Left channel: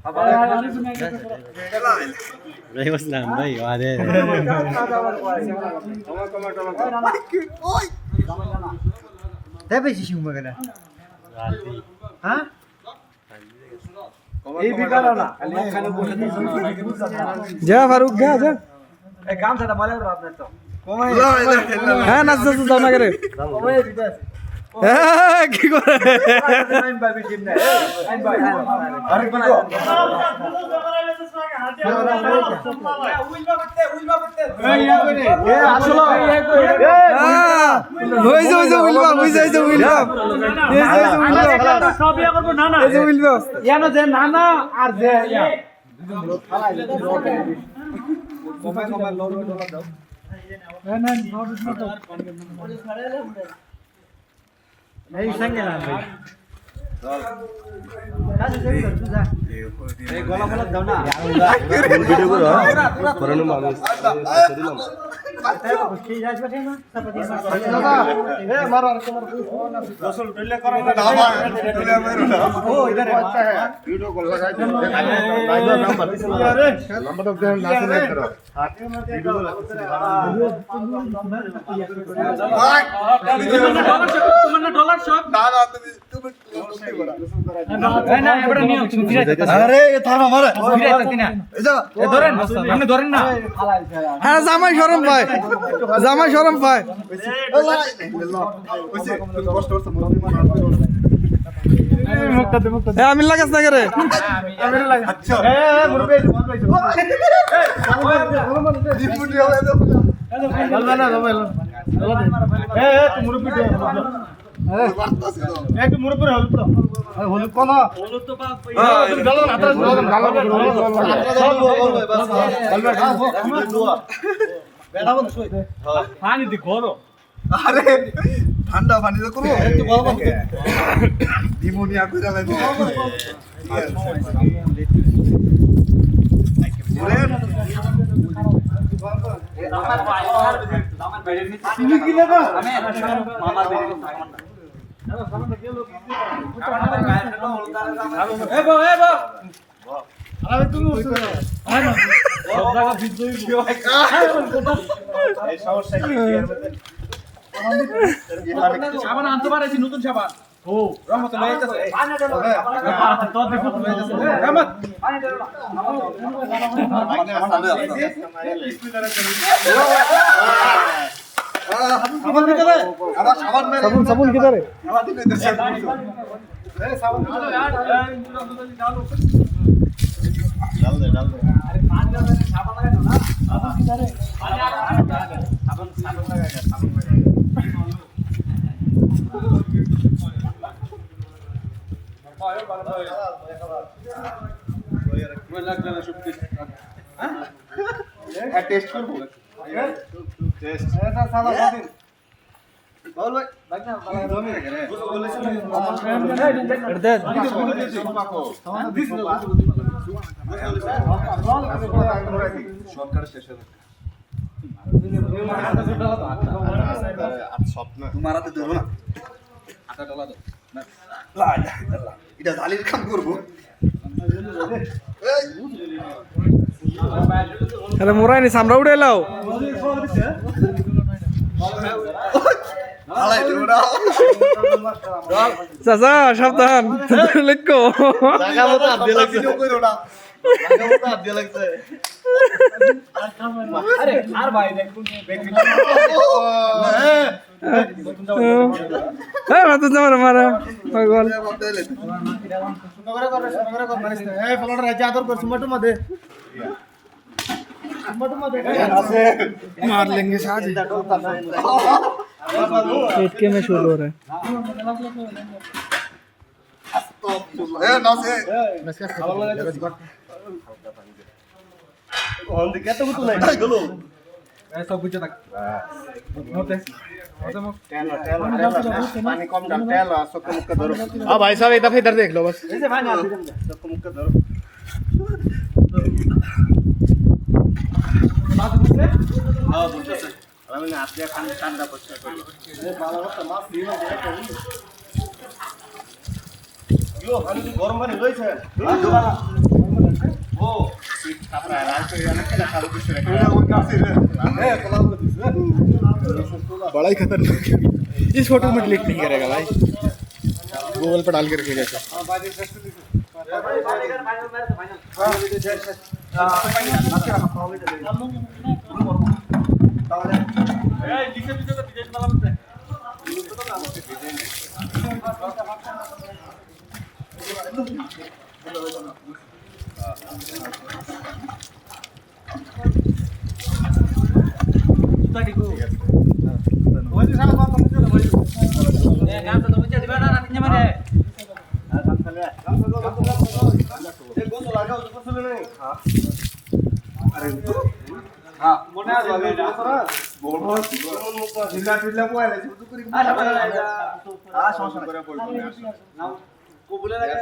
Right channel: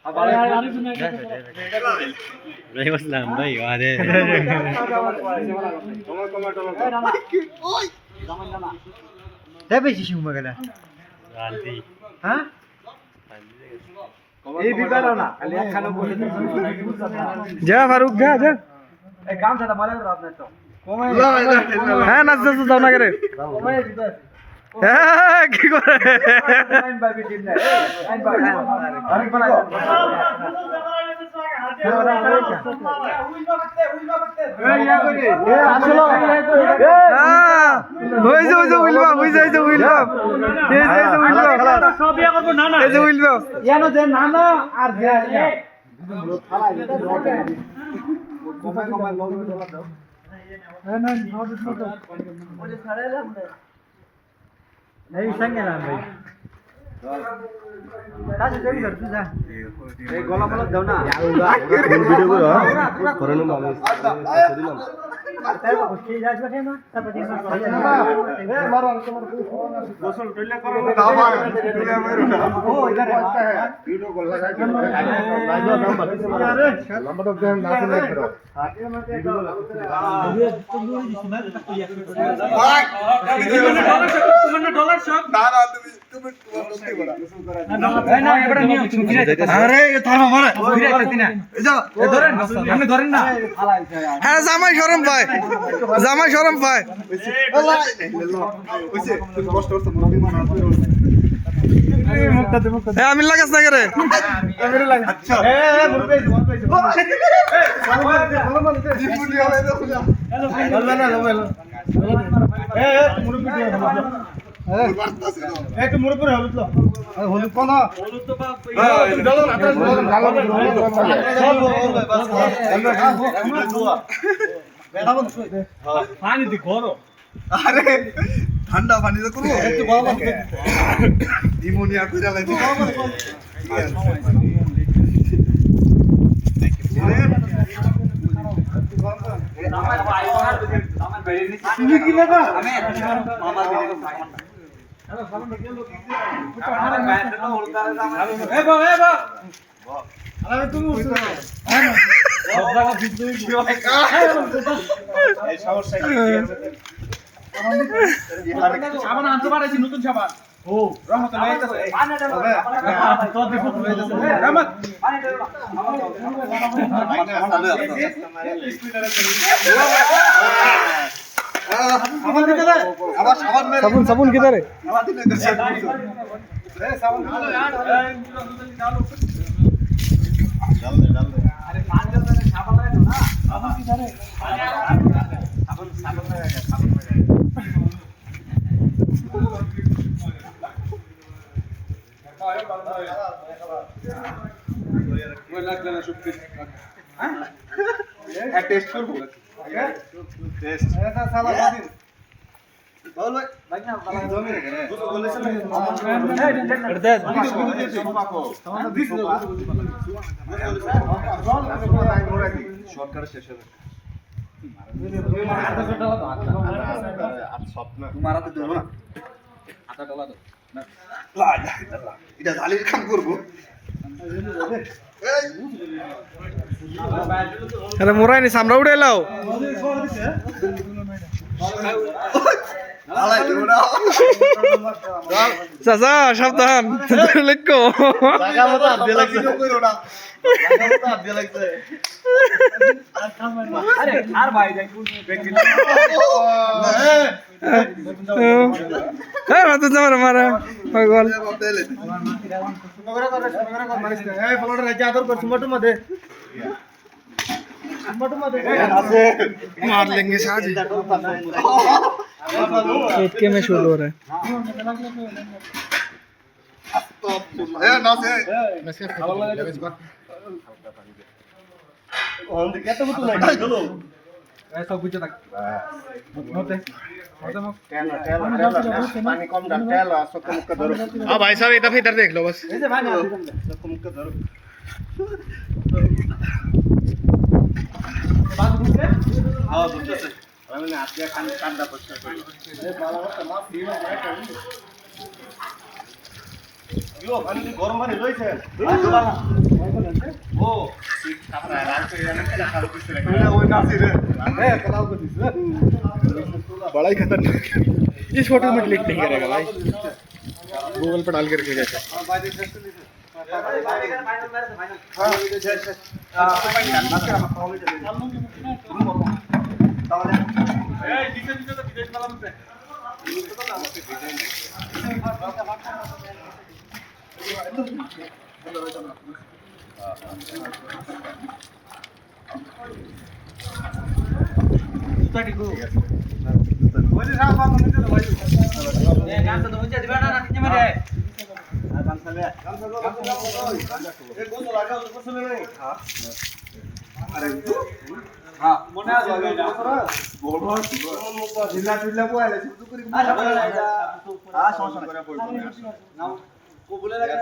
Waalaikumsalam भाई वादे दे बेची शिव मगला राती हां এই বিকালো না খালি একখানে বসে जा फारूक जा এই গামছাটা মালে দাও আপনার তো কমাই হ্যাঁ নাচ নাচ যাও না করে কমাই দিতে আছে হ্যাঁ কি করে আইন ভাবি টিম না আইন ভাবি আরে কি গো এই গলা মালা দাও না ভিডিও করো করোনা মানুষ দিলাম হ্যাঁ জামাই শরম পায় জামাই শরম পায় আমি লাগাস না করে একটু মুড়ে পরে হলুদ তো হলুদ কোন হলুদ তো পানি দি করো আরে ঠান্ডা পানি তো করো একটু গরম নিমোনিয়া করে লাগবে তুমি কি লাগা আমি মামা এ বা আরে তুমি উঠছো হ্যাঁ না সব জায়গা বিদ্যুৎ এই সমস্যা কি সাবান আনতে পারেছি নতুন সাবান ও রহমত লাগাইতেছে পানি দাও তো দেখো রহমত পানি দাও সাবুন কিধর है টেস্ট করবো টেস্ট এটা সাদা বাদিন বল ভাই না বালা ধরে রে বলেছিল দে সরকার শেষ হবে তোমার হাতে ধরো না হাতে ডলা দাও লা ইলাহা এটা জালির কাম করবো আরে মোরাই নি সামরা উড়ে লাও আলাই তোরা চাচা সাবধান লেখো জায়গা মতো আব্দে লাগছে কইরো না জায়গা মতো আব্দে লাগছে আরে আর ভাই দেখুন হ্যাঁ মাতো তোমার মারা পাগল এই ফলটা রাজা আদর কর সুমটু মধ্যে আছে मार लेंगे साज शूट के में शूट हो रहा है এ নাসে ভালো লাগে ওন দিকে তো তো নাই গেল এই সব বুঝে থাক নতে पानी कम डाल तेल सब मुख का धरो हाँ भाई साहब एक दफा इधर देख लो बस এই যে ভাই না सब मुख का धरो বাদ বুঝলে हां बुझते আমি না আপনি খান ঠান্ডা পড়ছে এই ভালো কথা মাছ দিয়ে না ইয়ো পানি কি গরম পানি হইছে ওই নাসি রে मैं कलाम को दिस बड़ा ही खतरनाक इस फोटो में डिलीट नहीं करेगा भाई गूगल पर डाल के रखेगा ऐसा हां बाय दिस हां তাহলে এই দিকে দিকে তো বিজয় মালা বলতে Tadi ku. ওই যে সারা বাপ মধ্যে ভাই গান তো তুমি দিবা না রাতিnya mah deh. গান চালে এই গোল লাগাও তো পছন্দ নেই হ্যাঁ আরে তো হ্যাঁ মনে আছে লাগাও তো বড় মন মুখ ঢিলা ঢিলা বলে শুধু করে সমস্যা করে পড়বে না কবুলে লাগা